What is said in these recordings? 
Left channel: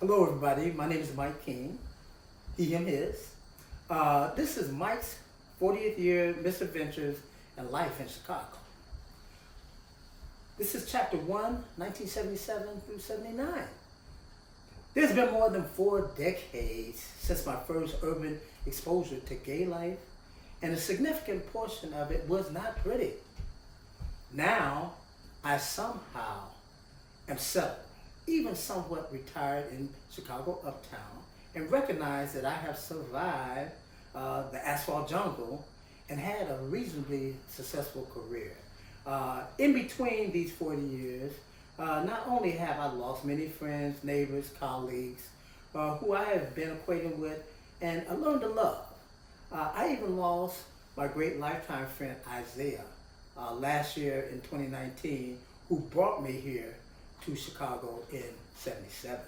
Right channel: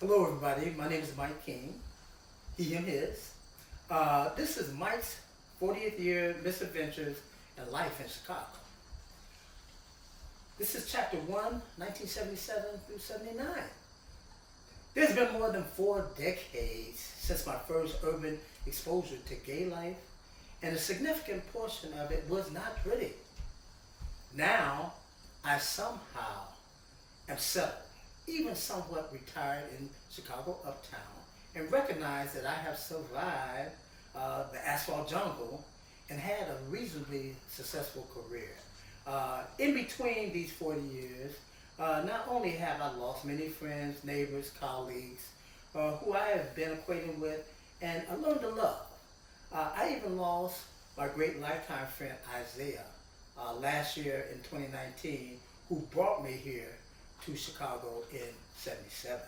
Hello, everybody. My name is Mike King. He, him, his. This is Mike's 40th year misadventures and life in Chicago. This is chapter 1, 1977 through 79. There's been more than 4 decades since my first urban exposure to gay life, and a significant portion of it was not pretty. Now, I somehow am settled, even somewhat retired in Chicago Uptown, and recognize that I have survived the asphalt jungle and had a reasonably successful career. In between these 40 years, not only have I lost many friends, neighbors, colleagues, who I have been acquainted with and learned to love. I even lost my great lifetime friend Isaiah last year in 2019, who brought me here to Chicago in '77.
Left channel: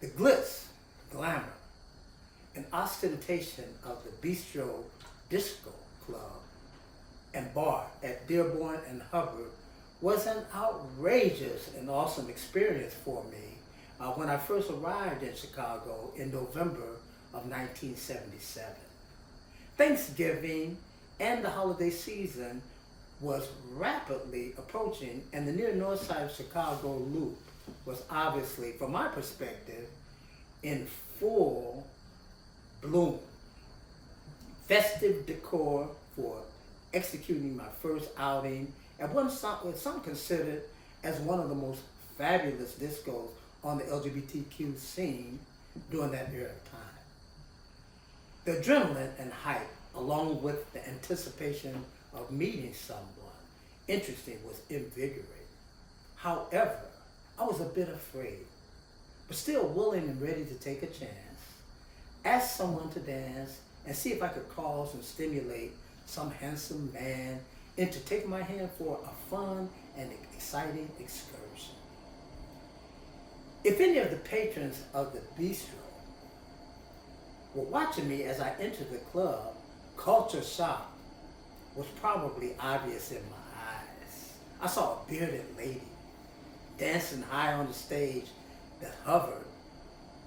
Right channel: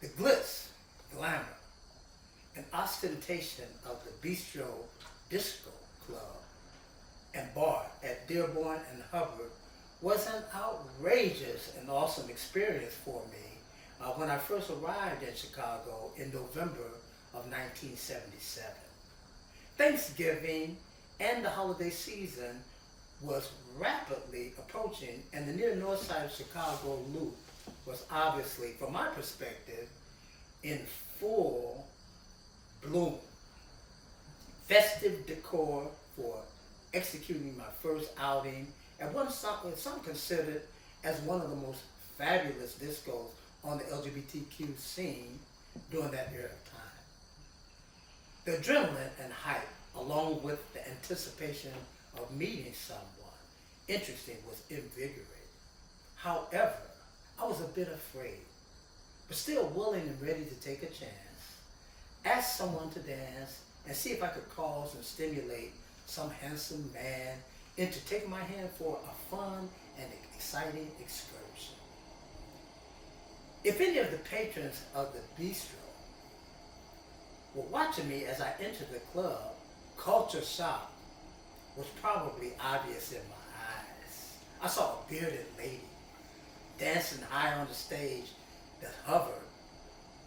The glitz, glamour, and ostentation of the Bistro Disco Club and bar at Dearborn and Hubbard was an outrageous and awesome experience for me when I first arrived in Chicago in November of 1977. Thanksgiving and the holiday season was rapidly approaching, and the near north side of Chicago loop was obviously, from my perspective, in full bloom. Festive decor for executing my first outing at what some considered as one of the most fabulous discos on the LGBTQ scene during that era of time. The adrenaline and hype, along with the anticipation of meeting someone interesting, was invigorating. However, I was a bit afraid, but still willing and ready to take a chance, ask someone to dance, and see if I could cause and stimulate some handsome man into taking my hand for a fun and exciting excursion. If any of the patrons of the bistro were watching me as I entered the club, culture shock was probably obvious in my eyes. I saw a bearded lady dancing high on the stage that hovered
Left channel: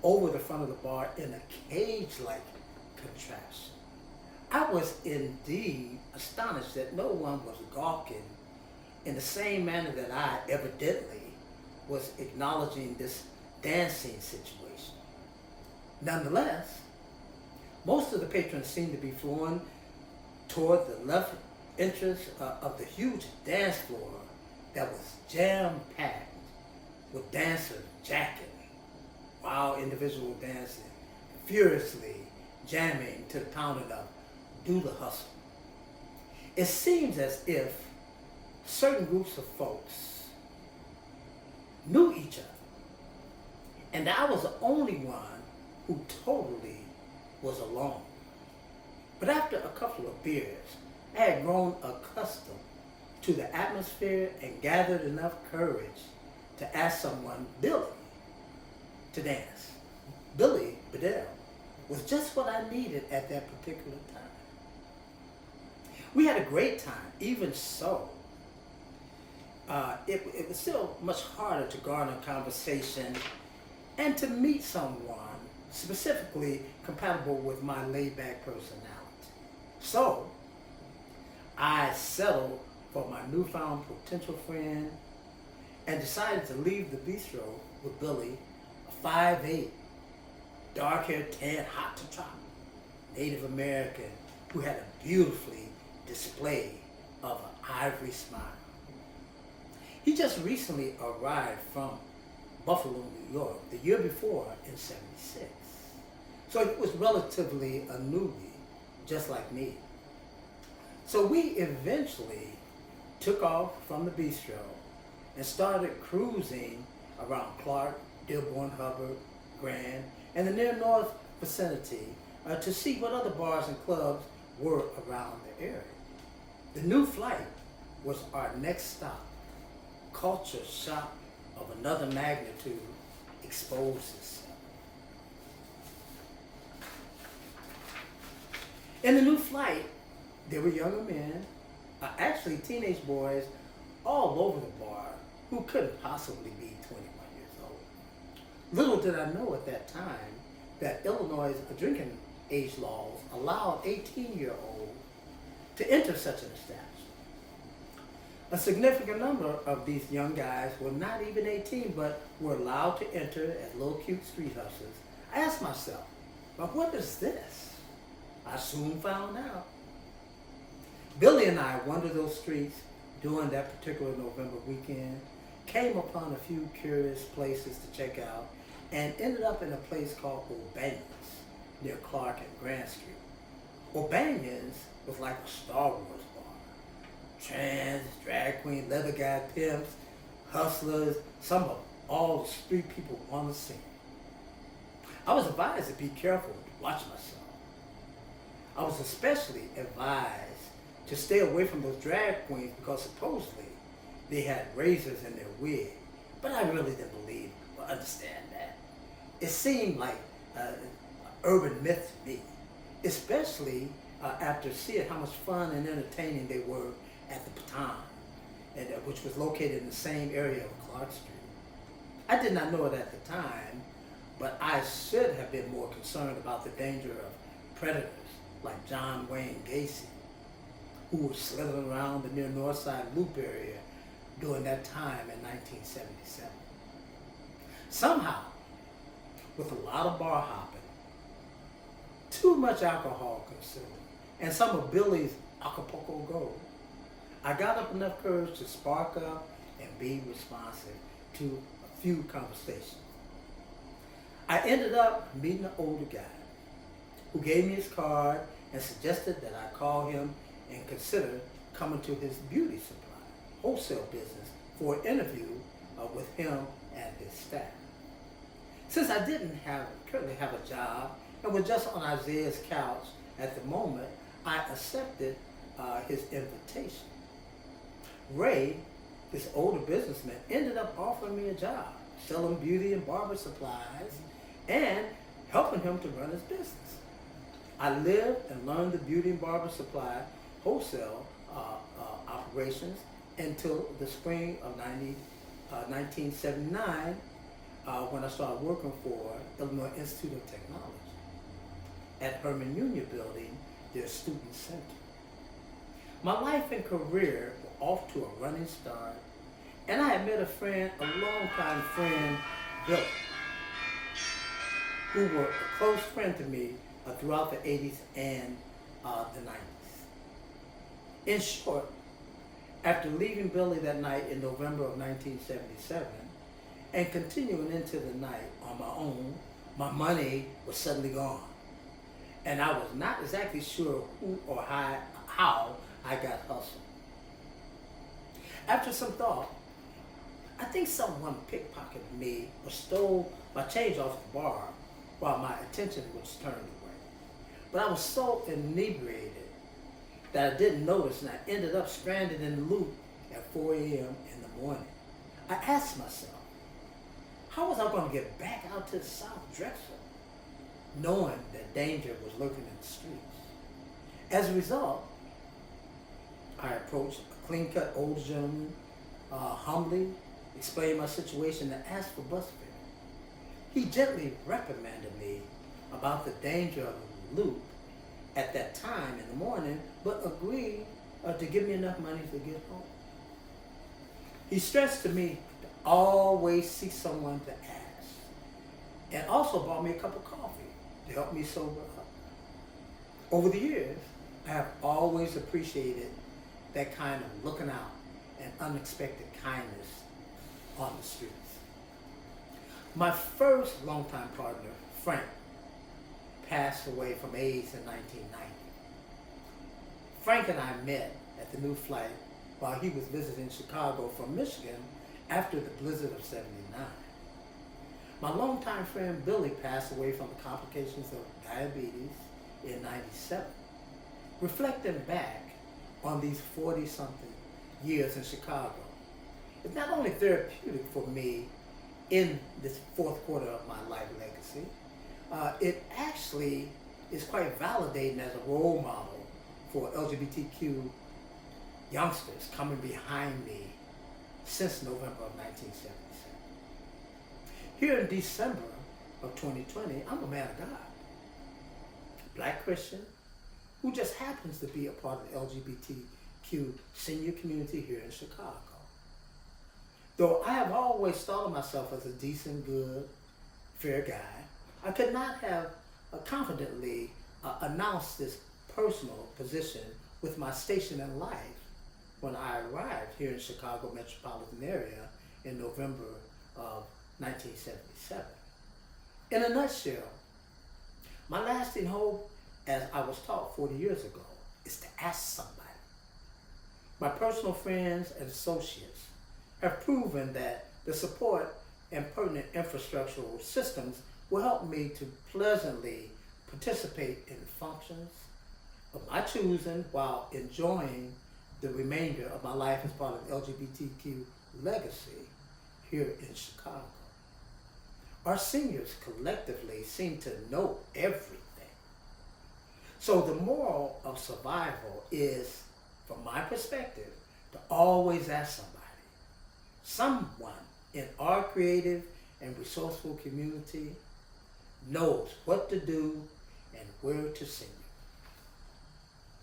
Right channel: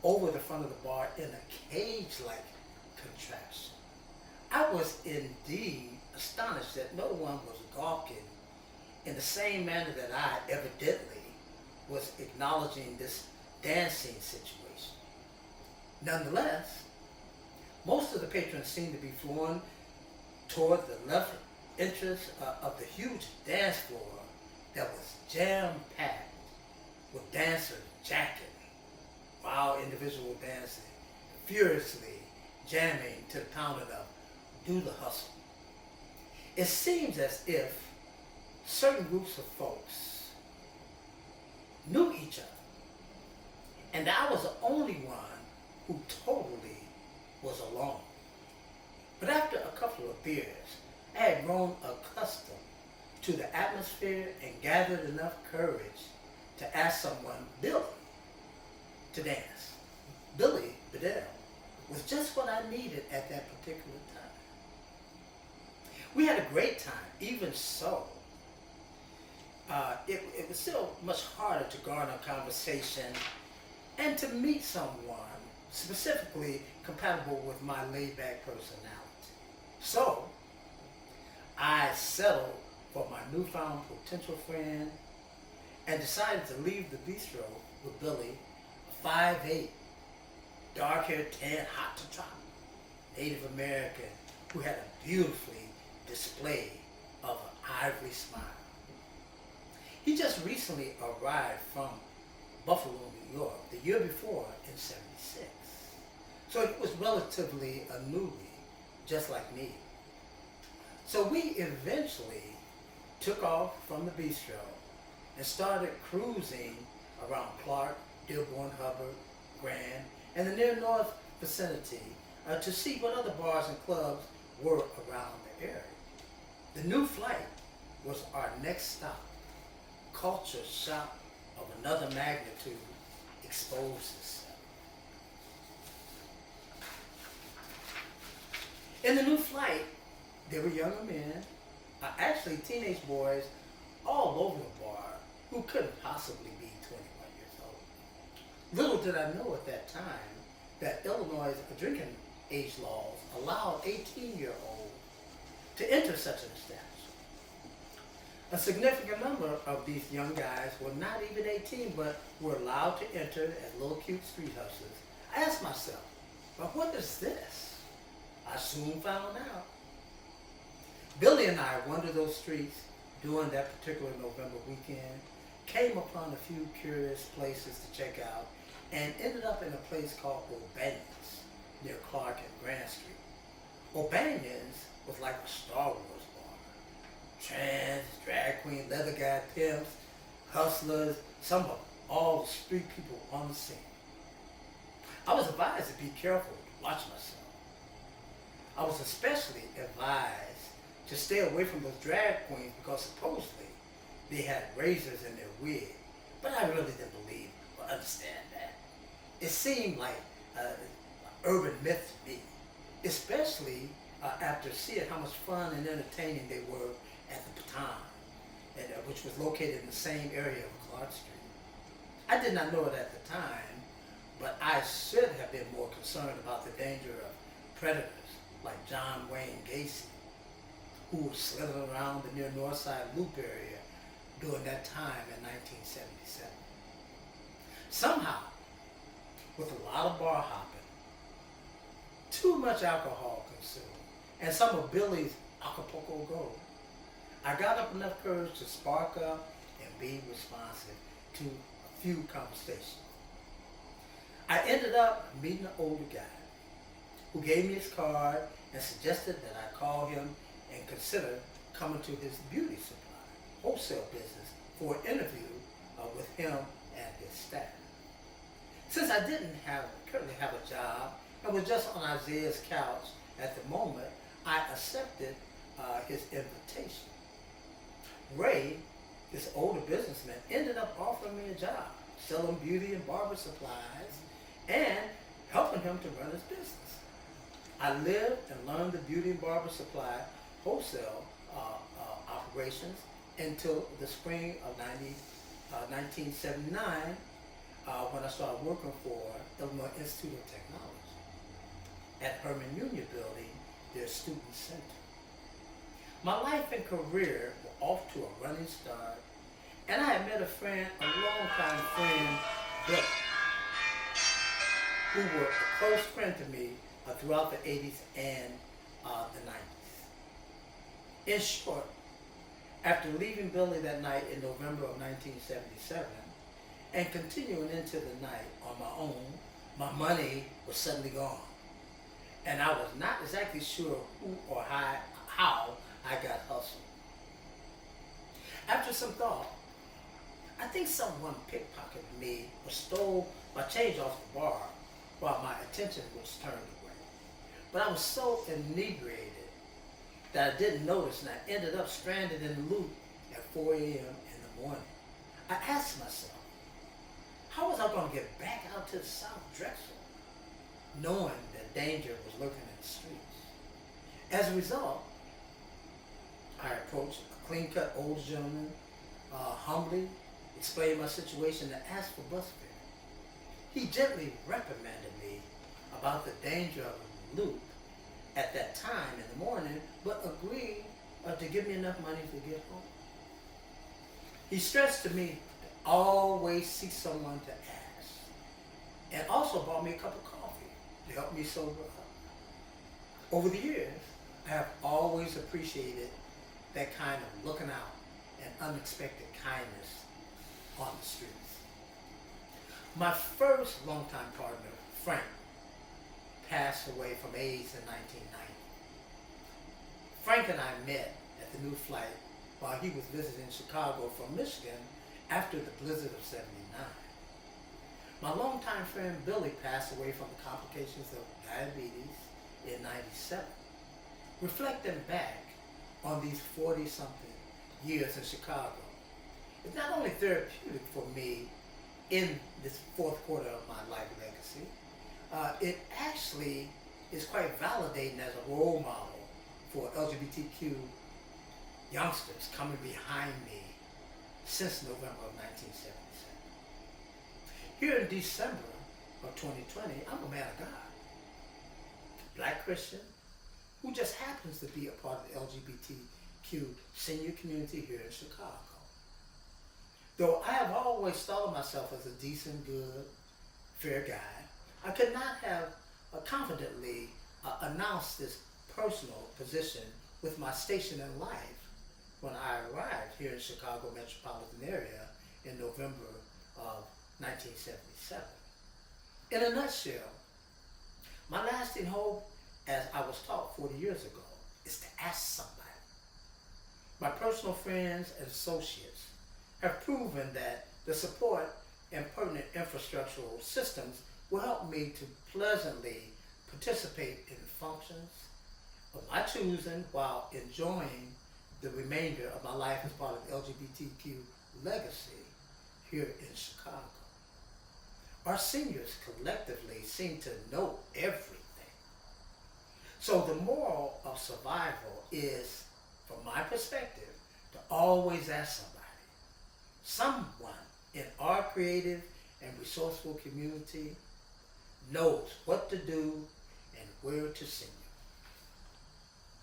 over the front of the bar in a cage-like contraption. I was indeed astonished that no one was gawking in the same manner that I evidently was acknowledging this dancing situation. Nonetheless, most of the patrons seemed to be flowing toward the left entrance of the huge dance floor that was jam-packed with dancers jacking while individual dancing, furiously jamming to the pounding of Do the Hustle. It seems as if certain groups of folks knew each other, and I was the only one who totally was alone. But after a couple of beers, I had grown accustomed to the atmosphere and gathered enough courage to ask someone, Billy, to dance. Billy Bedell was just what I needed at that particular time. We had a great time. Even so, it was still much harder to garner conversation and to meet someone specifically compatible with my laid-back personality. So, I settled for my newfound potential friend and decided to leave the bistro with Billy, a 5'8", dark-haired, tan, hot to trot Native American who had a beautifully display of an ivory smile. He just recently arrived from Buffalo, New York, the year before in '76. So he was relatively a newbie, just like me. So we eventually took off from the bistro and started cruising around Clark, Dearborn, Hubbard, Grand, and the near north vicinity to see what other bars and clubs were around the area. The new flight was our next stop. Culture shock of another magnitude exposed itself. In the new flight, there were younger men, actually teenage boys, all over the bar who couldn't possibly be 21 years old. Little did I know at that time that Illinois' drinking age laws allowed 18-year-olds to enter such an establishment. A significant number of these young guys were not even 18, but were allowed to enter as little cute street hustlers. I asked myself, well, what is this? I soon found out. Billy and I wandered those streets during that particular November weekend, came upon a few curious places to check out, and ended up in a place called O'Banion's near Clark and Grand Street. O'Banion's was like a Star Wars bar. Trans, drag queen, leather guy pimps, hustlers, some of all the street people want to see. I was advised to be careful to watch myself. I was especially advised to stay away from those drag queens because supposedly they had razors in their wig. But I really didn't believe or understand that. It seemed like an urban myth to me, especially after seeing how much fun and entertaining they were at the Baton, which was located in the same area of Clark Street. I did not know it at the time, but I should have been more concerned about the danger of predators like John Wayne Gacy, who was slithering around the near North Side Loop area during that time in 1977. Somehow, with a lot of bar hopping, too much alcohol consumed, and some of Billy's Acapulco Gold, I got up enough courage to spark up and be responsive to a few conversations. I ended up meeting an older guy who gave me his card and suggested that I call him and consider coming to his beauty supply wholesale business for an interview with him and his staff. Since I didn't currently have a job and was just on Isaiah's couch at the moment, I accepted his invitation. Ray, this older businessman, ended up offering me a job, selling beauty and barber supplies, and helping him to run his business. I lived and learned the beauty and barber supply wholesale operations until the spring of 1979 when I started working for Illinois Institute of Technology at Herman Union Building, their student center. My life and career were off to a running start, and I had met a longtime friend, Bill, who were a close friend to me throughout the 80s and the 90s. In short, after leaving Billy that night in November of 1977 and continuing into the night on my own, my money was suddenly gone. And I was not exactly sure who or how I got hustled. After some thought, I think someone pickpocketed me or stole my change off the bar while my attention was turned away. But I was so inebriated that I didn't notice, and I ended up stranded in the loop at 4 a.m. in the morning. I asked myself, how was I going to get back out to the South Drexel, knowing that danger was lurking in the streets? As a result, I approached a clean-cut older gentleman, humbly explained my situation and asked for bus fare. He gently reprimanded me about the danger of the loop at that time in the morning, but agreed to give me enough money to get home. He stressed to me to always seek someone to ask, and also bought me a cup of coffee to help me sober up. Over the years, I have always appreciated that kind of looking out and unexpected kindness on the streets. My first longtime partner, Frank, passed away from AIDS in 1990. Frank and I met at the New Flight while he was visiting Chicago from Michigan after the blizzard of '79. My longtime friend Billy passed away from the complications of diabetes in '97. Reflecting back on these 40-something years in Chicago, it's not only therapeutic for me in this fourth quarter of my life legacy, it actually is quite validating as a role model for LGBTQ youngsters coming behind me since November of 1977. Here in December of 2020, I'm a man of God, Black Christian, who just happens to be a part of the LGBTQ senior community here in Chicago. Though I have always thought of myself as a decent, good, fair guy, I could not have confidently announced this personal position with my station in life when I arrived here in Chicago metropolitan area in November of 1977. In a nutshell, my lasting hope, as I was taught 40 years ago, is to ask somebody. My personal friends and associates have proven that the support and pertinent infrastructural systems will help me to pleasantly participate in functions of my choosing while enjoying the remainder of my life as part of the LGBTQ legacy here in Chicago. Our seniors collectively seem to know everything. So the moral of survival is, from my perspective, to always ask someone in our creative and resourceful community knows what to do and where to send you.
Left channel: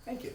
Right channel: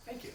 Thank you.